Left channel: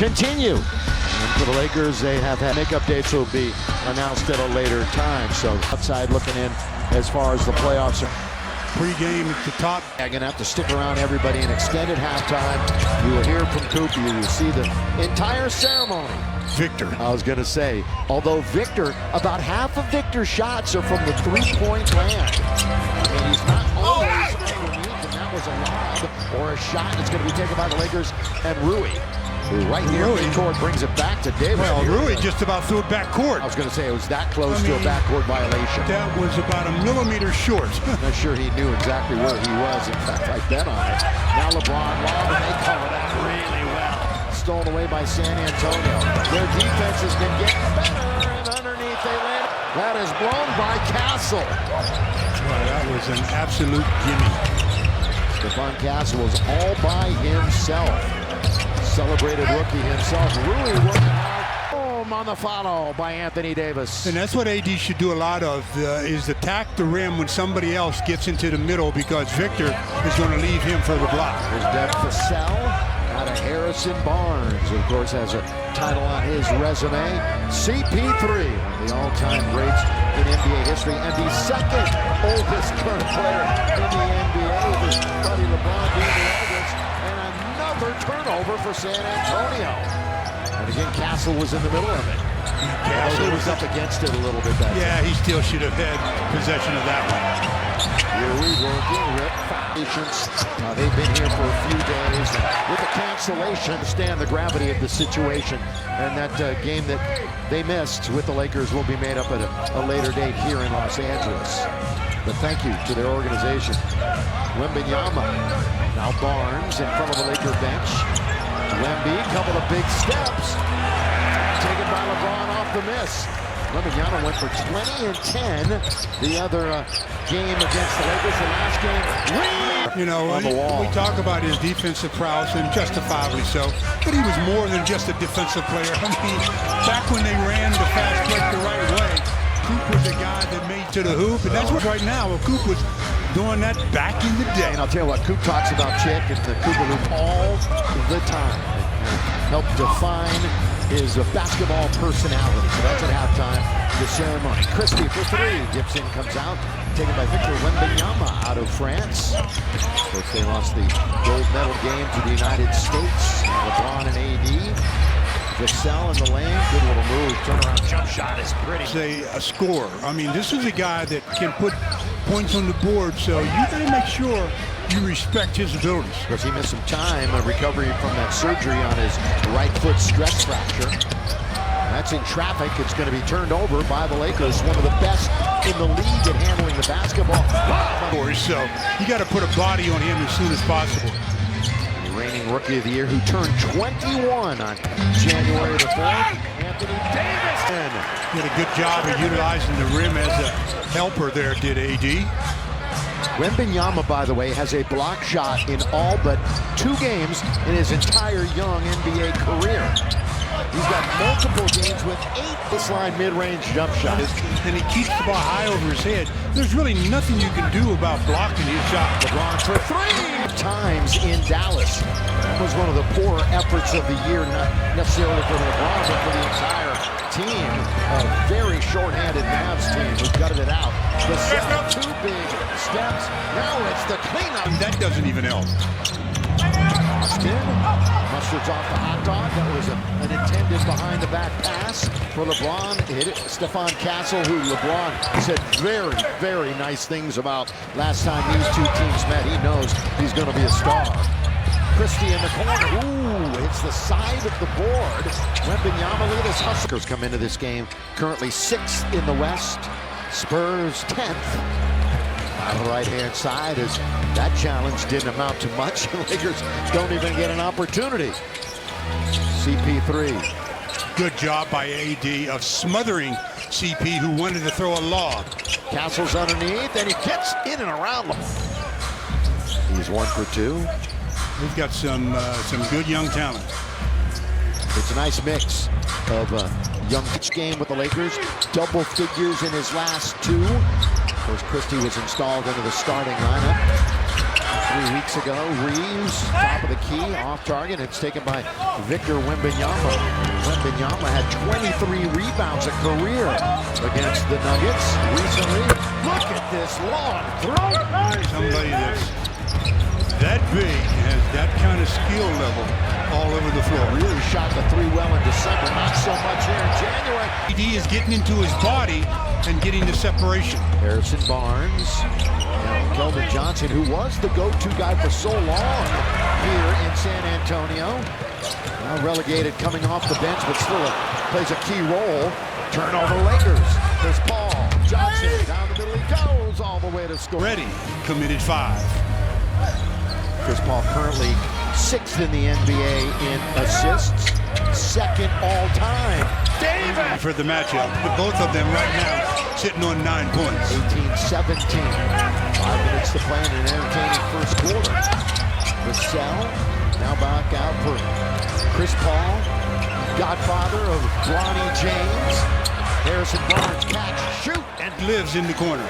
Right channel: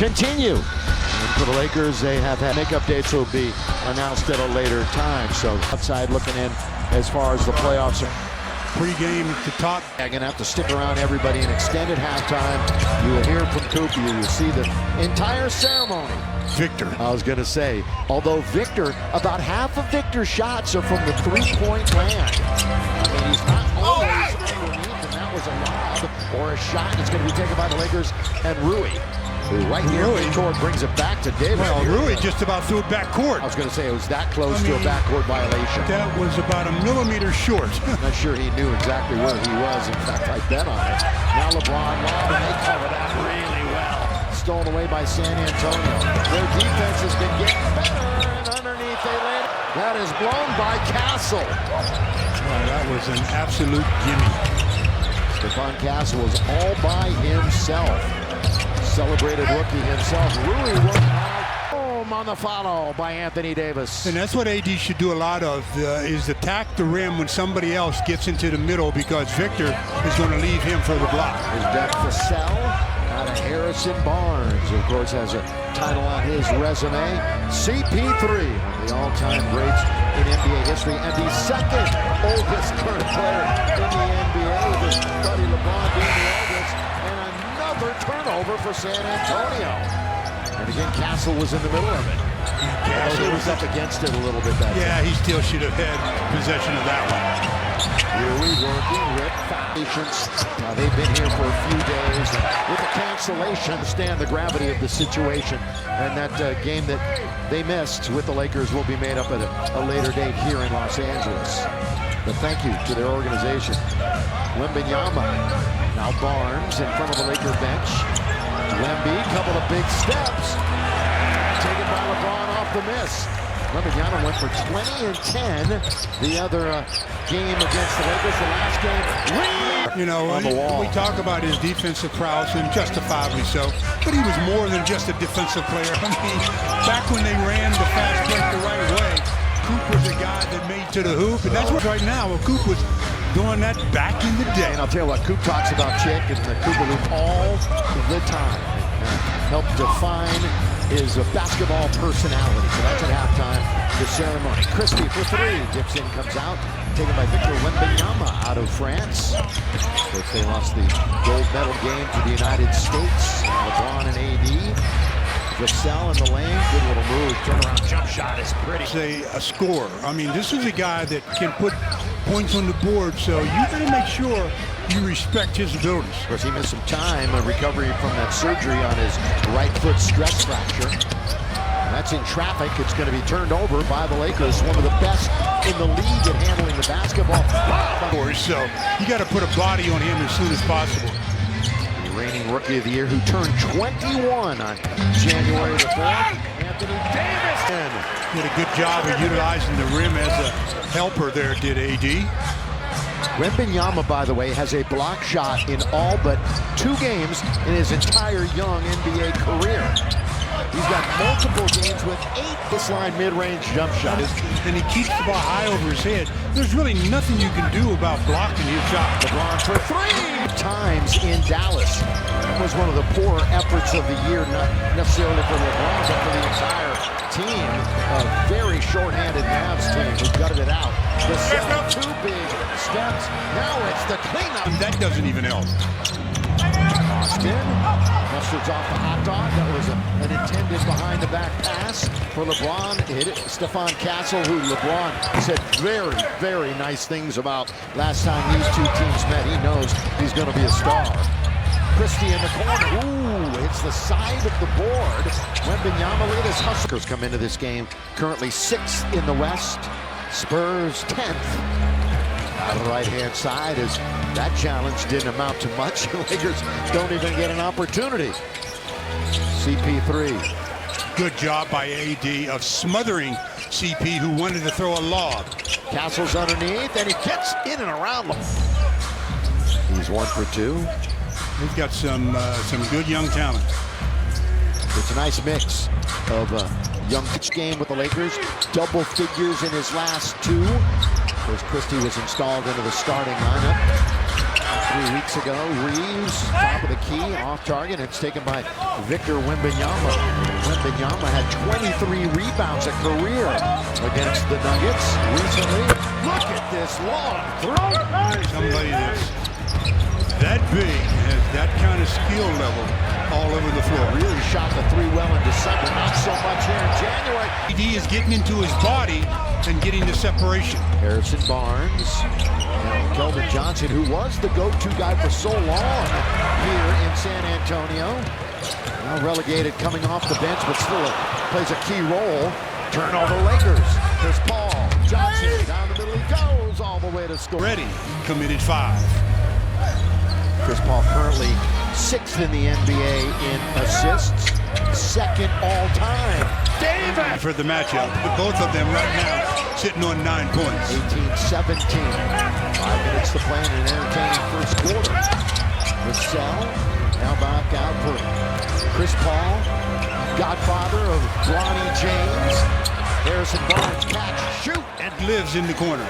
continue. And for the Lakers, they have had makeup dates will be announced at a later time. So outside looking in as far as the playoffs are. Pre-game at the top. I'm going to have to stick around everybody in extended halftime. You will hear from Coop. You will see the entire ceremony. Victor. I was going to say, although Victor, about half of Victor's shots are from the three-point land. I mean, he's not always underneath, and that was a lob or a shot that's going to be taken by the Lakers. And Rui, who right near midcourt, brings it back to Davis. Well, Rui just about threw it back court. I was going to say it was that close to a backcourt violation. That was about a millimeter short. I'm not sure he knew exactly where he was. In fact, I bet on it. Now LeBron lob, and they cover that really well. Stolen away by San Antonio. Their defense has been getting better, and underneath they land. That is blown by Castle. Wow, that was an absolute gimme. Stephon Castle was all by himself. Celebrated rookie himself. Rui working hard. Boom on the follow by Anthony Davis. And that's what AD should do a lot of, is attack the rim when somebody else gets into the middle, because Victor is going to leave him for the block. Here's Deb Cassell out of Harrison Barnes, of course, has a title on his resume. CP3, one of the all-time greats in NBA history, and the second oldest current player in the NBA, with his buddy LeBron being the oldest, and another turnover for San Antonio. And again, Castle was in the middle of it. Castle was up against it a little bit that time. He still should have had possession of that one. Rui working, Rip patience. They've been here for a few days, and with the cancellation, understand the gravity of the situation, and that game that they missed with the Lakers will be made up at a later date here in Los Angeles. But thank you to their organization. Wembanyama, now Barnes in front of the Laker bench. Wemby, couple of big steps, taken by LeBron off the miss. Wembanyama went for 20 and 10 the other game against the Lakers. The last game, you know, we talk about his defensive prowess, and justifiably so, but he was more than just a defensive player. I mean, back when they ran the fast break the right way, Coop was a guy that made to the hoop, and that's what right now, well, Coop was doing that back in the day. And I'll tell you what, Coop talks about Chick and the Cooper Loop all the time. It helped define his basketball personality. So that's at halftime, the ceremony. Christie for three, dips in, comes out, taken by Victor Wembanyama out of France. Of course, they lost the gold medal game to the United States. LeBron and AD. Vassell in the lane, good little move, turnaround jump shot is pretty. Say a scorer. I mean, this is a guy that can put points on the board, so you got to make sure you respect his abilities. Of course, he missed some time, a recovery from that surgery on his right foot stress fracture. That's in traffic. It's going to be turned over by the Lakers, one of the best in the league at handling the basketball. Wow. So you got to put a body on him as soon as possible. The reigning Rookie of the Year, who turned 21 on January the 4th, Anthony Davis. Did a good job of utilizing the rim as a helper there, did AD. Wembanyama, by the way, has a block shot in all but 2 games in his entire young NBA career. He's got multiple games with 8 baseline mid-range jump shots. And he keeps the ball high over his head. There's really nothing you can do about blocking his shot. LeBron for 3 times in Dallas. That was one of the poorer efforts of the year, not necessarily for LeBron, but for the entire team. A very short-handed Mavs team who gutted it out. Vassell, 2 big steps. Now it's the cleanup. That doesn't even help. Austin mustards off the hot dog. That was an intended behind-the-back pass for LeBron. Hit it. Stephon Castle, who LeBron said very, very nice things about last time these two teams met. He knows he's going to be a star. Christie in the corner. Ooh, hits the side of the board. Wembanyama, look at this Huskers come into this game. Currently 6th in the West. Spurs 10th. Out of the right-hand side, as that challenge didn't amount to much. The Lakers don't even get an opportunity. CP3. Good job by AD of smothering CP, who wanted to throw a lob. Castle's underneath, and he gets in and around. He's 1 for 2. He's got some good young talent. It's a nice mix of young pitch game with the Lakers. Double figures in his last 2. Of course, Christie was installed into the starting lineup. 3 weeks ago, Reeves, top of the key, off target. It's taken by Victor Wembanyama. Wembanyama had 23 rebounds a career against the Nuggets recently. Look at this long throw. Somebody that's that big has that kind of skill level all over the floor. Really shot the three well in December, not so much here in January. AD is getting into his body and getting the separation. Harrison Barnes, Keldon Johnson, who was the go-to guy for so long here in San Antonio. Now relegated coming off the bench, but still plays a key role. Turnover Lakers. Chris Paul, Johnson, down the middle he goes all the way to score. Ready, committed 5. Chris Paul currently 6th in the NBA in assists, 2nd all-time. Davis! For the matchup, both of them right now sitting on 9 points. 18-17. 5 minutes to play in an entertaining first quarter. Vassell now back out for Chris Paul, godfather of Bronny James. Harrison Barnes catch, shoot, and Lives in the corner.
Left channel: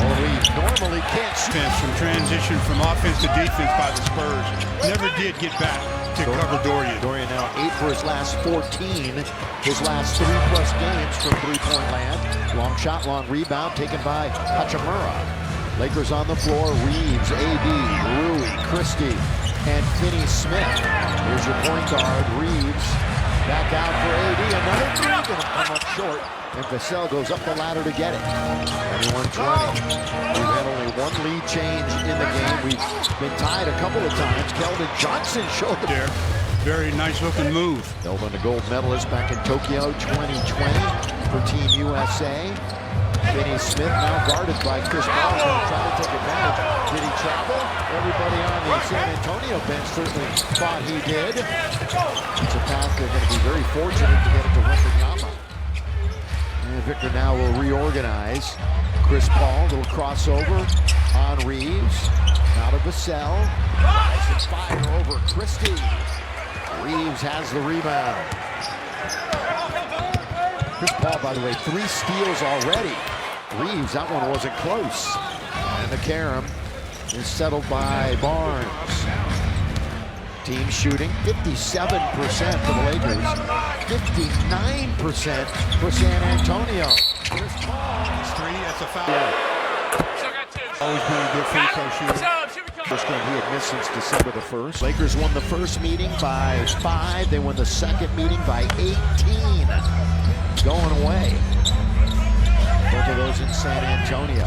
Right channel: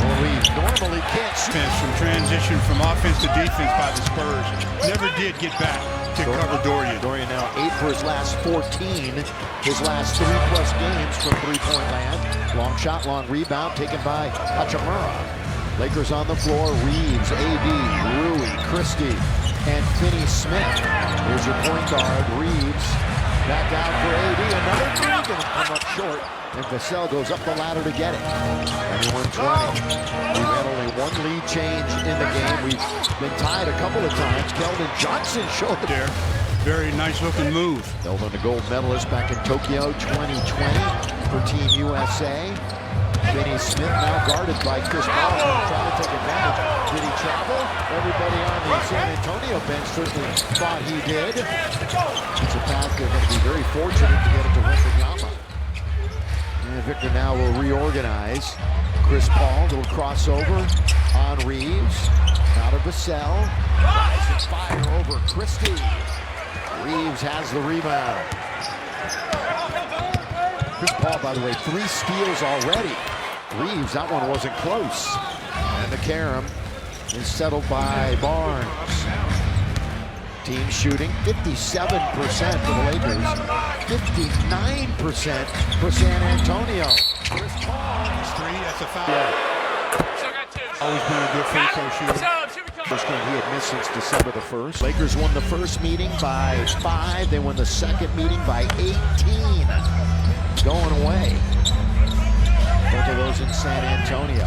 Well, we normally can't shoot. From transition from offense to defense by the Spurs. Never did get back to cover Dorian. Dorian now 8 for his last 14. His last 3+ games from three-point land. Long shot, long rebound taken by Hachimura. Lakers on the floor. Reeves, AD, Rui, Christie, and Finney-Smith. Here's your point guard, Reeves. Back out for AD. Another three gonna come up short. And Vassell goes up the ladder to get it. 21-20. We've had only one lead change in the game. We've been tied a couple of times. Keldon Johnson showed There. Very nice looking move. Keldon, the gold medalist back in Tokyo 2020 for Team USA. Finney-Smith now guarded by Chris Paul. He's going to try to take advantage. Did he travel? Everybody on the San Antonio bench certainly thought he did. It's a pass they're going to be very fortunate to get it to Wembanyama. And Victor now will reorganize. Chris Paul, little crossover on Reeves. Now to Vassell. Rise and fire over Christie. Reeves has the rebound. Chris Paul, by the way, 3 steals already. Reeves, that one wasn't close. And the carom is settled by Barnes. Team shooting 57% for the Lakers, 59% for San Antonio. Chris Paul. That's 3, that's a foul. Yeah. Always been a good free throw shooter. First game he had missed since December the 1st. Lakers won the first meeting by 5. They won the second meeting by 18. Going away. Both of those in San Antonio.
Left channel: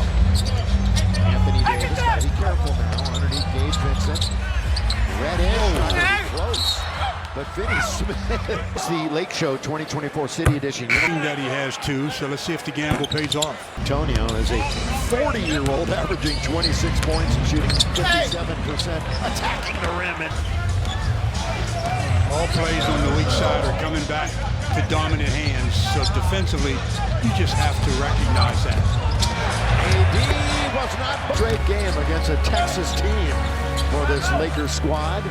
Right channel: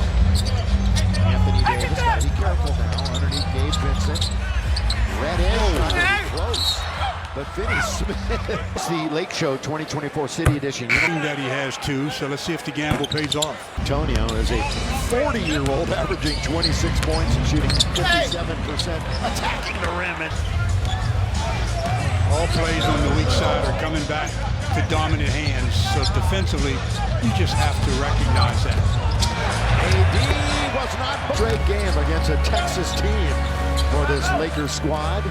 Anthony Davis, got to be careful now. Underneath Gabe Vincent. Red in, not going to be close. But Finney-Smith. It's the Lake Show 2024 City Edition. That he has 2, so let's see if the gamble pays off. Antonio is a 40-year-old averaging 26 points and shooting 57%, attacking the rim. And all plays on the weak side are coming back to dominant hands, so defensively, you just have to recognize that. AD was not a straight game against a Texas team for this Lakers squad.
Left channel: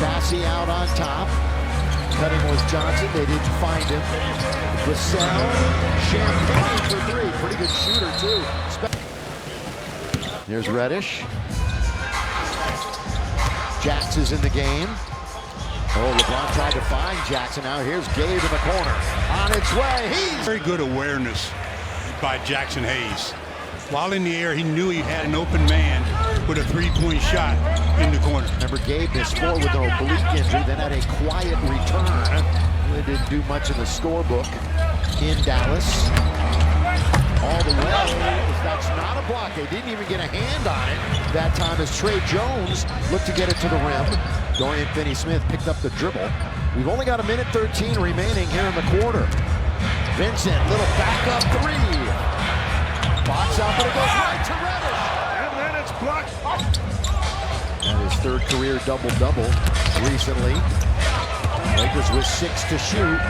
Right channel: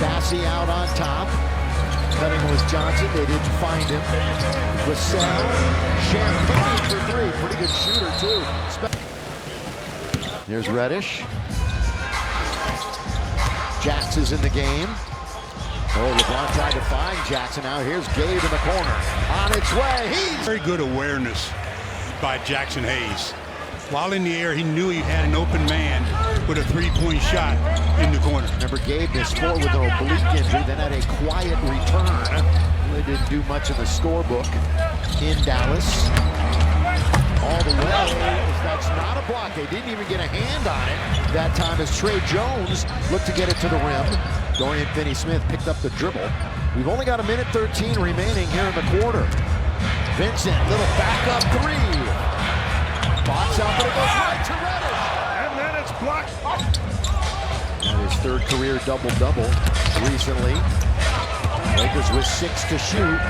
Bassey out on top. Cutting was Johnson. They didn't find him. Vassell. Champagne for 3. Pretty good shooter, too. There's Reddish. Jax is in the game. Oh, LeBron tried to find Jackson. Now here's Gabe in the corner. On its way. He's very good awareness by Jackson Hayes. While in the air, he knew he had an open man with a 3-point shot in the corner. Remember, Gabe missed 4 with an oblique injury, then had a quiet return. Really didn't do much in the scorebook in Dallas. All the way, that's not a block. They didn't even get a hand on it that time as Trey Jones looked to get it to the rim. Dorian Finney-Smith picked up the dribble. We've only got 1:13 remaining here in the quarter. Vincent, little backup 3. Box out, but it goes right to Reddish. And then it's blocked. That is 3rd career double-double recently. Lakers with 6 to shoot.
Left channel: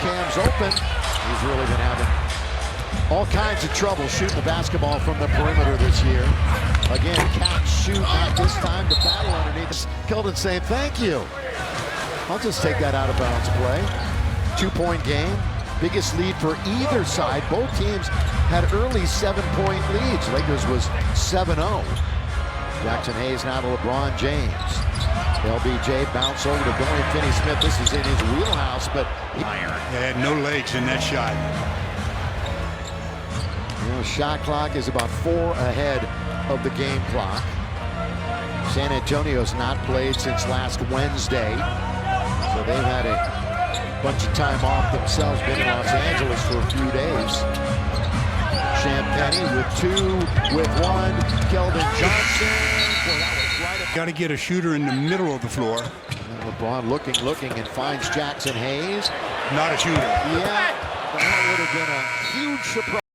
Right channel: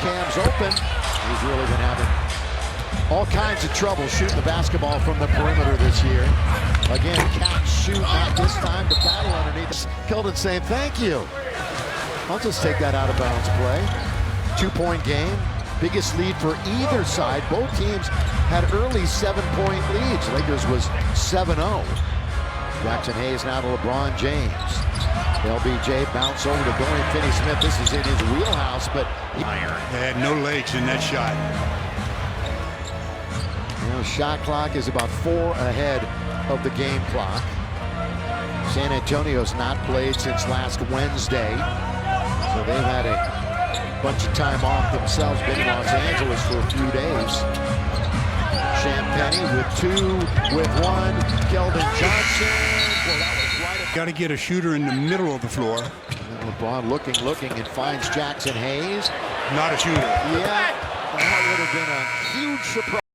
Cam's open. He's really been having all kinds of trouble shooting the basketball from the perimeter this year. Again, catch, shoot, not this time. The battle underneath. Keldon saying, thank you. I'll just take that out of bounds play. 2-point game. Biggest lead for either side. Both teams had early 7-point leads. Lakers was 7-0. Jackson Hayes now to LeBron James. LBJ bounce over to Dorian Finney-Smith. This is in his wheelhouse, but iron. They had no legs in that shot. You know, shot clock is about 4 ahead of the game clock. San Antonio's not played since last Wednesday, so they've had a bunch of time off themselves, been in Los Angeles for a few days. Champagny with 2, with 1. Keldon Johnson. Boy, that was right at... Got to get a shooter in the middle of the floor. And LeBron looking, and finds Jackson Hayes. Not a shooter. Yeah, that would have been a huge surprise.